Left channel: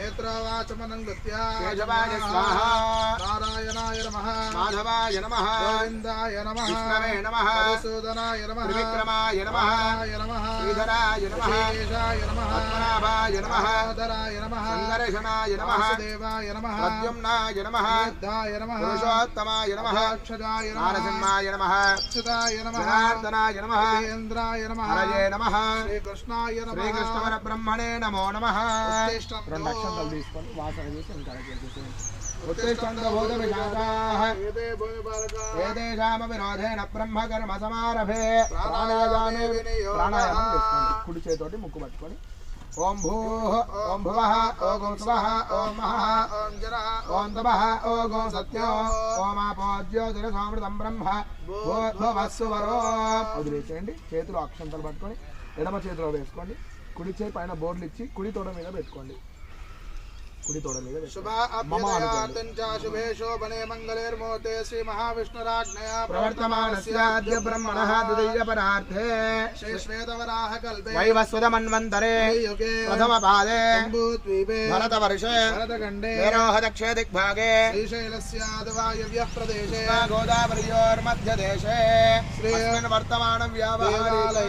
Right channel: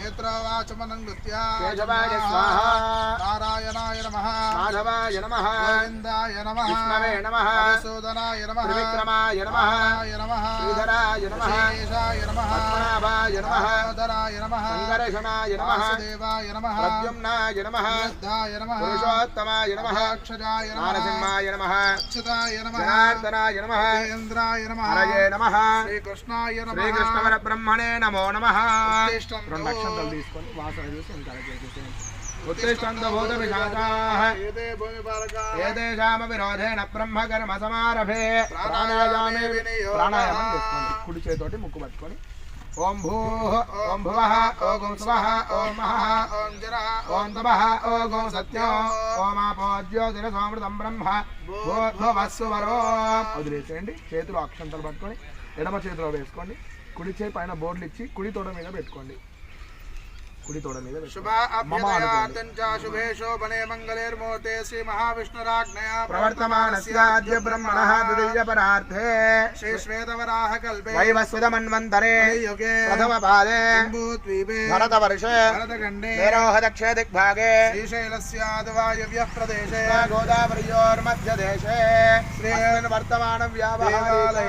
नेत्रवाचमनङ्गुत्या केशवाय स्वाहा नारायणाय नमः माधवाय नमः गोविन्दाय नमः विष्णवे नमः मधुसूदनाय नमः त्रिविक्रमाय नमः नमः श्रीधराय नमः शेषाय नमः पद्मनाभाय नमः धराय नमः संकर्षणाय नमः वासुदेवाय नमः प्रद्युम्नाय नमः युद्धाय नमः पुरुषोत्तमाय नमः अक्षराय नमः नरसिंहाय नमः अच्युताय नमः जनार्दनाय नमः इन्द्राय नमः हरये नमः श्रीकृष्णाय नमः श्रीकृष्णपरब्रह्मणे नमो नमः उत्तिष्ठन्तभूतविशाखाः ఏదేశామపి రోధేన బ్రహ్మకర్మ సమారభే ప్రాణాయామే ప్రాణాయామం చేసుకోండి కుడి చేతోటి ముక్కు పట్టుకొని ఓం భూః ఓం భువః ఓం స్వః ఓం మహః ఓం తపః ఓం సత్యం ఓం ఆపో జ్యోతిరసమృతం బ్రహ్మ భూర్భువస్సువరో వదిలేసేయండి. చేతిలో అక్షంతలు పట్టుకొని ఎడమ చేతిలో వేసుకోండి. కుడి చేయి పైన బోర్డులు ఇచ్చి కుడి తోడ మీద పెట్టుకోండి. कुड़ी तोड़ नहीं शुभे शोभने मंगलेर्मोते श्री महाविष्णुराज्ञया प्रवर्तमानस्याद्य ब्रह्मणः द्वितीयपरार्थे श्री श्वेतवराह कल्पे वैवस्वतमन्वन्तरे युगे प्रथमपादे जम्बूद्वीपे भरतवर्षे भरतखण्डे मेरोहदक्षे दिग्भागे श्रीशैलस्याद्वायव्यः प्रदेशे गोदावर्योर्मध्यदेशे श्रीमन् वर्तमानव्यावहारे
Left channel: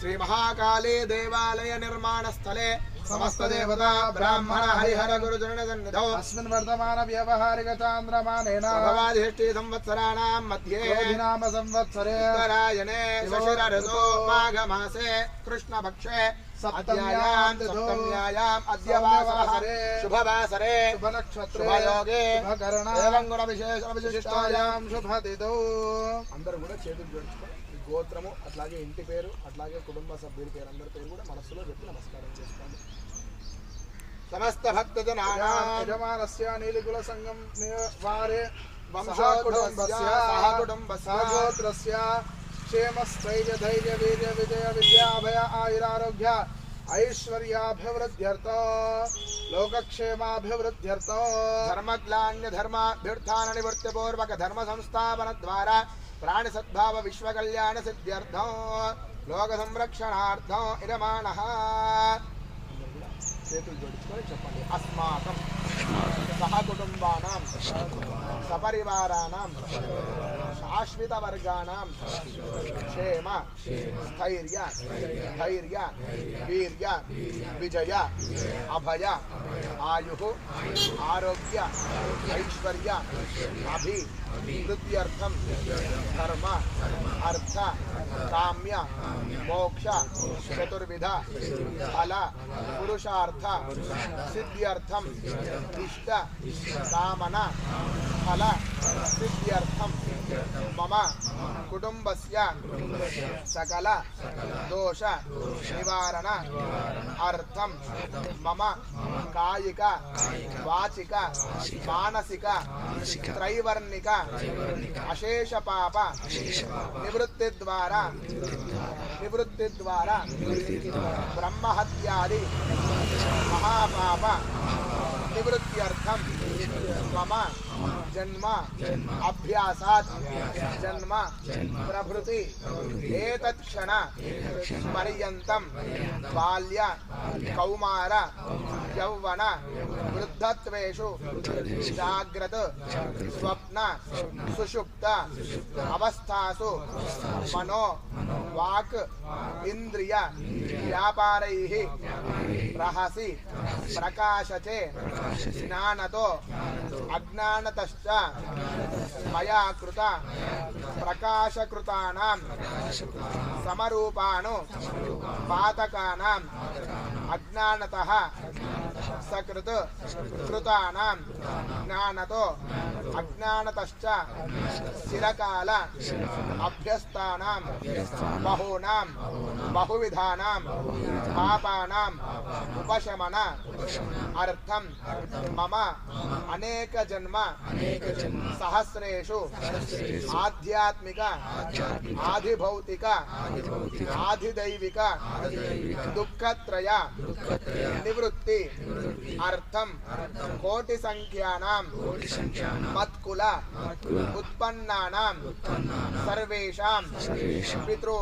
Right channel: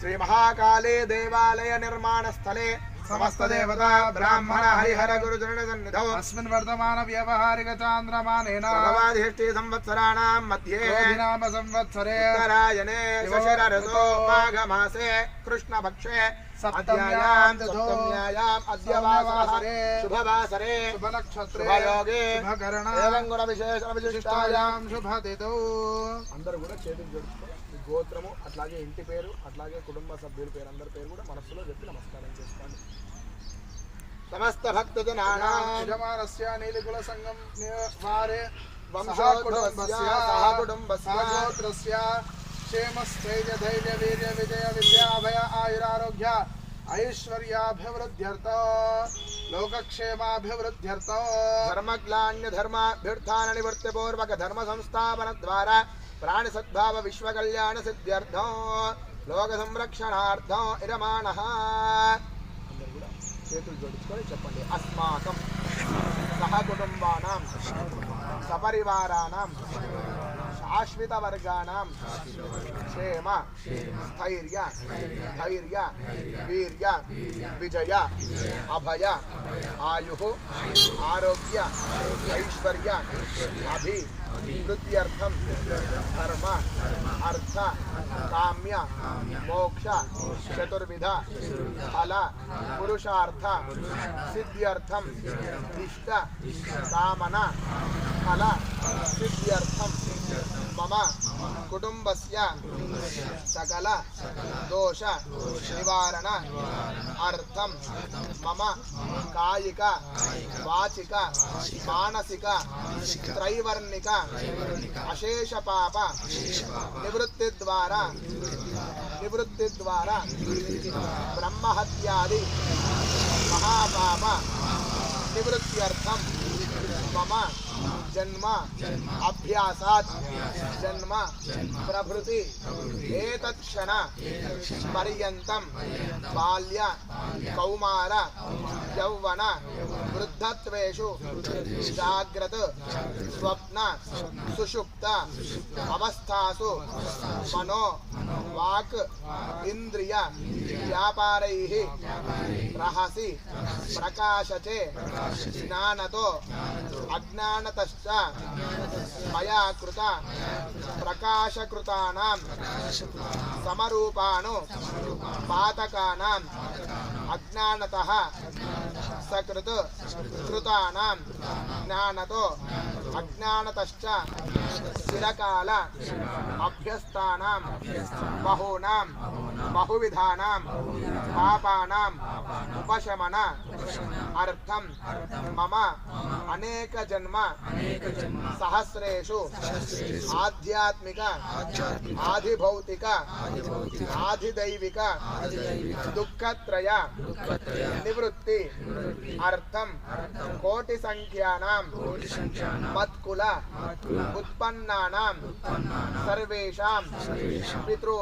श्री महाकाले देवालय निर्माणस्थले समस्त देवता ब्राह्मण हरिहर गुरुजन सन्निधौ अस्मिन् वर्तमान व्यावहारिक चान्द्रमानेन भगवाधिष्ठि संवत्सराणां मध्ये नाम संवत्सरे उत्तरायणे शशिर ऋतौ माघ मासे कृष्णपक्षे सप्तम्याम् अद्य वासरे शुभवासरे शुभनक्षत्रे शुभयोगे शुभकरण एवं गुणविशेष विशिष्टायां शुभतिथौ అందరూ కూడా చేతులు జోడించుకొని మీ గోత్రము అట్లాగే ఇంటి పేరు అట్లాగే కుటుంబ సభ్యుల పేరు అందరి పేరు కూడా మనసులో పెట్టి నమస్కారం చేసుకోండి. समस्त भक्त जनानां यजमानस्य नीलकुल संगम वारे वंशकुटुम्बस्य गोत्रस्य क्षेम स्थैर्य धैर्य वीर्य विजय विद्याभय आयुरारोग्य ऐश्वर्याभिवृद्ध्यर्थ लोकक्षेमाभिवृद्ध्यर्थ धर्मग्लान्य धर्माभ्युत्थान निवृत्ति पूर्वक धर्म संस्थापन द्वारा प्राणि सद्भाव विश्व कल्याण सिद्ध्यर्थं लोक संरक्षणार्थं इदमानः చేతులు జోడించుకొని చెప్పండి. అస్మాకం సహకుటుంబానాం సపరివారాణం శాశ్వత వర్గానాం క్షేమ స్థైర్య ధైర్య వీర్య విజయ అభయ ఆయు ఆరోగ్య ఐశ్వర్య అభివృద్ధ్యర్థం ధర్మ అర్థ కామ్య మోక్ష చతుర్విధ ఫల పురుషార్థ సిద్ధ్యర్థం ఇష్ట కామన ఫల సిద్ధ్యర్థం మమ కుటుంబస్య సకల దోష నివారణ అర్థం మమ కాయిక వాచిక మానసిక త్రైవర్ణిక అశేష పాప నివృత్తి ద్వారా బ్రహ్మహత్యాది మహాపాప निवृत्त्यर्थं मम जन्म अभ्यासात् जन्म प्रभृति एतत्क्षण पर्यन्तं बाल्य कौमार यौवन वृद्धत्वेषु जाग्रत स्वप्न सुषुप्त अवस्थासु मनो वाक् इंद्रिय व्यापारैः रहसि प्रकाशचे ज्ञानतो अज्ञानतश्च मया कृत प्रकाशकृतानां समरूपाणु पातकानां अज्ञानतः सकृत कृतानां ज्ञानतो अज्ञानतश्च चिरकाल अभ्यस्तानां बहूनां बहुविधानां पापानाम् उपशमन अर्थं मम अनेक जन्म सहस्रेषु आध्यात्मिक आधिभौतिक आधिदैविक दुःखत्रय निवृत्ति अर्थं कोटि संख्यानां मत्कुल उत्पन्नानां सर्वेषां पितृ